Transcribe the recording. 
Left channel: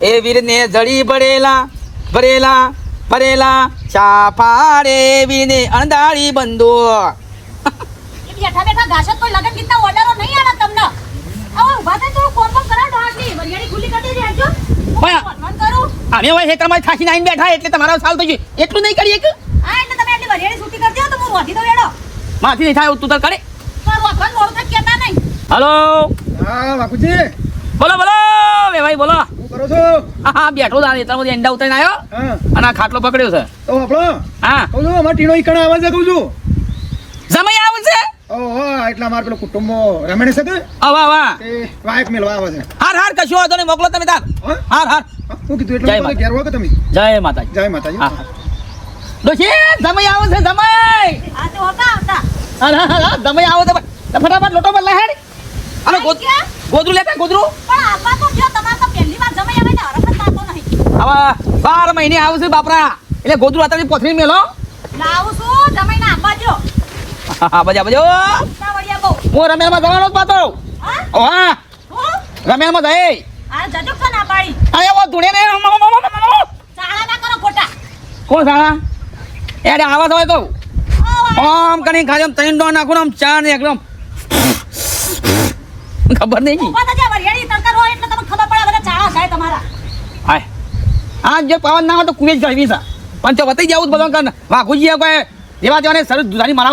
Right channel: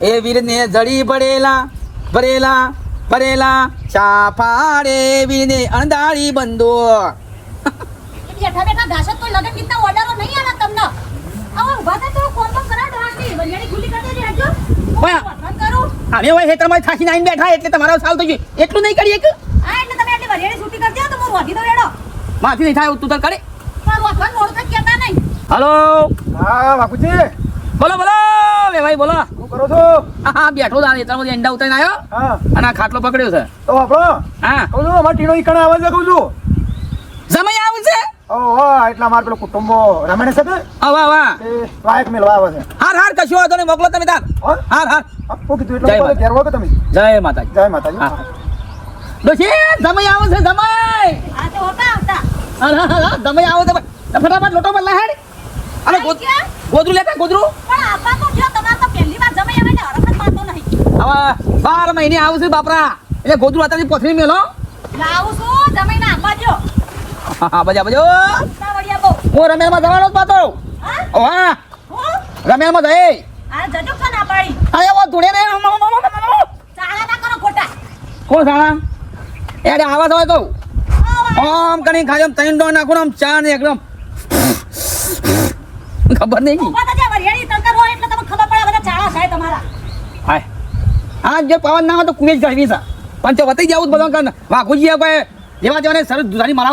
એ વીરને જડી ભરેલા ભરેલા ભરેલા ચાફાડે વીરને અણદાળી બંધો. બેઠા બેઠા ગાશો તો લગન કેટલા ઓર્ડરો નહીં આવે તમને. હવે ઊભા ફોન તો કરા કરી. આજો. હવે બેઠા એટલે તમારા સાલ તો એટલું નહીં કરીએ કે હા એટલે તમે એટલી વરિયાળી છૂટી તો માથી નહીં થાય તું તો કરે. હલો. હા બાપુજી બોલો બોલો ભાઈ બોલો. કરો છો? હા હા બેઠો તારે એટલા બધી એંડા ઉતરીને આવ્યો હા. અને આ ખાટલો પકડ્યો છે. તો આપણો હા. કહું છું અમારે ટીનો ઈકણ આવે છે કહું છું. સમય આવશે ઓહો એટલા અમારે પેલો કુટુંબો રમણી શકે? હવે હવે વાયક મેળવા આવે છે. હાર હાર કશું વાંધો નહીં. મોકલો તમે તાર. હાર હાર. હા, કીધું એટલે જય ઘેર વાગો તમે? જય માતાજી. જય માતાજી. ડોશી સમય આવે છે સમય. આ તો હોતા આવતા. હા હા હા સમય આવે તો ફટાફટ લોટો પર લહેડ અરે ગોદ- ક્યાં? ગોદરું લેતા ગોદરું પણ આપા તો જો તમારે તો પહેલી વાર જમાઈ આવે ને હરખત મારતો નહીં હવે મહિને મહિને આવશે બાપરા. એટલે ગોદરું અત્યારે પોથરી મેલો. લાવું છું. જમાઈને આપા જો હા બજા બજા. હું જવાનો પાતો હા? ઓહે હું? જઈ. આ જજો છે ના પાડી. અરે વો ધૂળે ને ચાળા ના કરો ખોટા. કોણ સાળા એડે આવા તો. તો આમ કણી ખાજમ તૈન ડો નાખું આમ ચા ને એકદમ ખબર નહીં ઊભા થજો, વરિયાળી તરતર હોય એટલે તમને ખબર પડે બધા ચાળા થાય તમારા હાય આ જે પવન ના હોય તો કુએ જ છે પણ તે બતાવી જવું બધા કાન વાઘુજી એવા જવાને સર દુધાની મારા